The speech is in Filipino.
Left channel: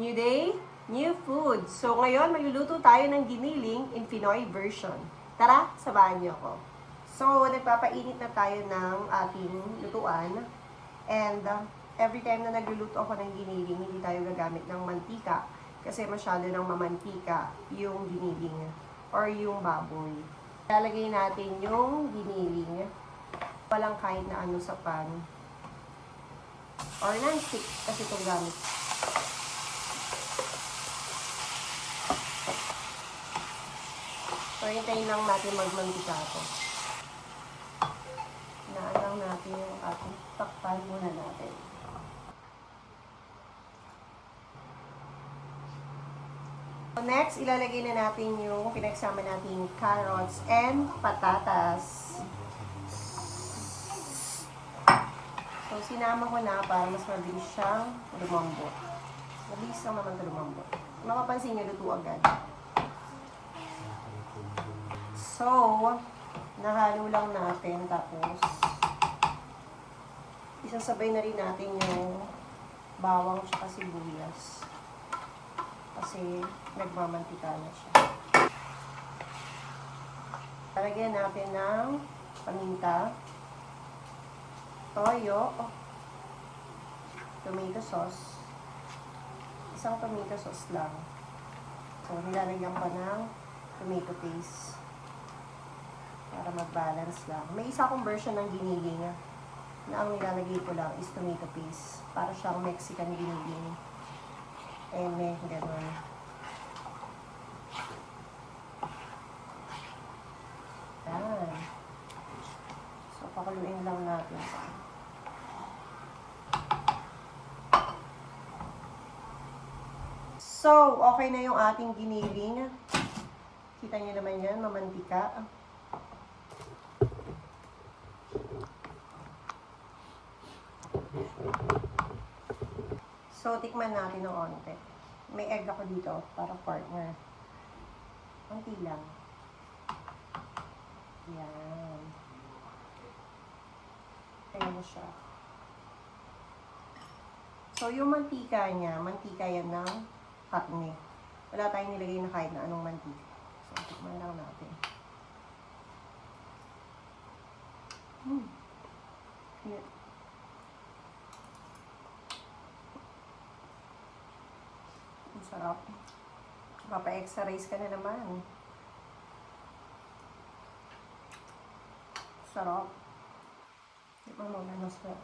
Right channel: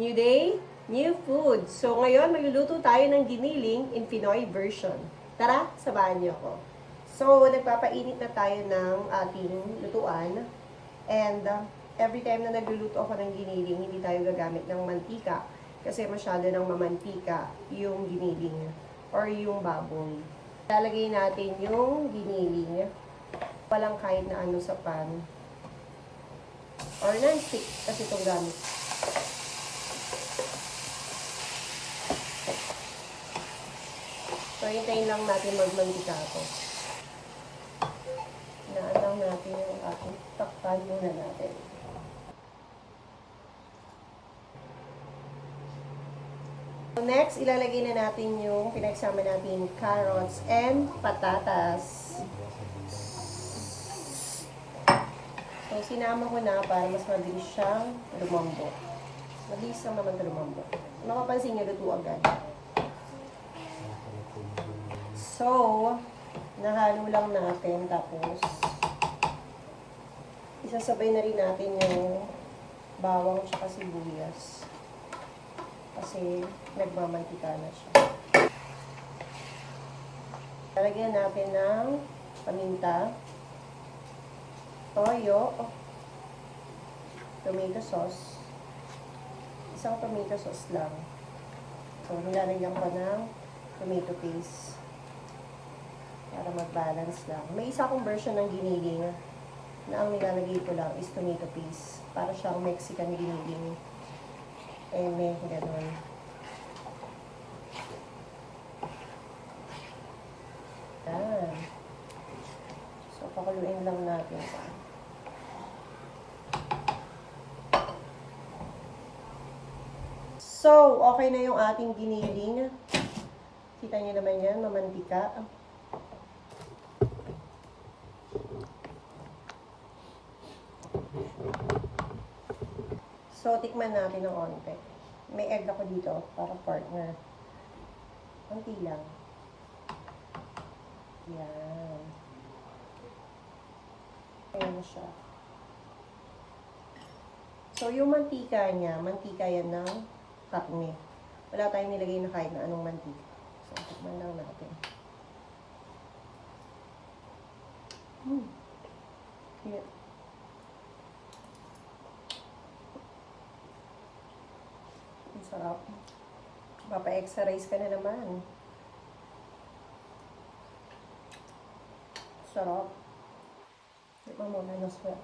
New day, new food. So ngayon, magluluto tayo ng giniling in Pinoy version. Tara, sabahan niyo ako. So, nagpapainit na tayo ng ating lutuan. And every time na nagluluto ako ng giniling, hindi tayo gagamit ng mantika. Kasi masyado nang mamantika yung giniling or yung baboy. Lalagay natin yung giniling. Walang kahit na ano sa pan. Or non-stick kasi itong gamit. So, hintayin lang natin magmantika ito. Hinaan lang natin yung ating takpan muna natin. So, next, ilalagay na natin yung pinagsama nating carrots and patatas. So, sinama ko na para mas mabilis siyang lumambot. Mabilis lang naman ito lumambot. Mapapansin niyo, luto agad. So, nahalo lang natin. Tapos, isasabay na rin natin yung bawang at sibuyas. Kasi, nagmamantika na siya. Lalagyan natin ng paminta, toyo, tomato sauce. Isang tomato sauce lang. So, nilalagyan pa ng tomato paste. Para mag-balance lang. May isa akong version ng giniling na ang nilalagay ko lang is tomato paste. Para siyang Mexican giniling. Eme, gano'n. Yan. So, pakuluin lang natin ito. So, okay na yung ating giniling. Kita niyo naman yan, mamantika. So, tikman natin ng onte. May egg ako dito para partner. Konti lang. Yan. Ayan na siya. So, yung mantika niya, mantika yan ng karne. Wala tayong nilagay na kahit na anong mantika. So, tikman lang natin. Here. Ang sarap. Papa-exercise ka na naman. Sarap. Ito mo na masarap.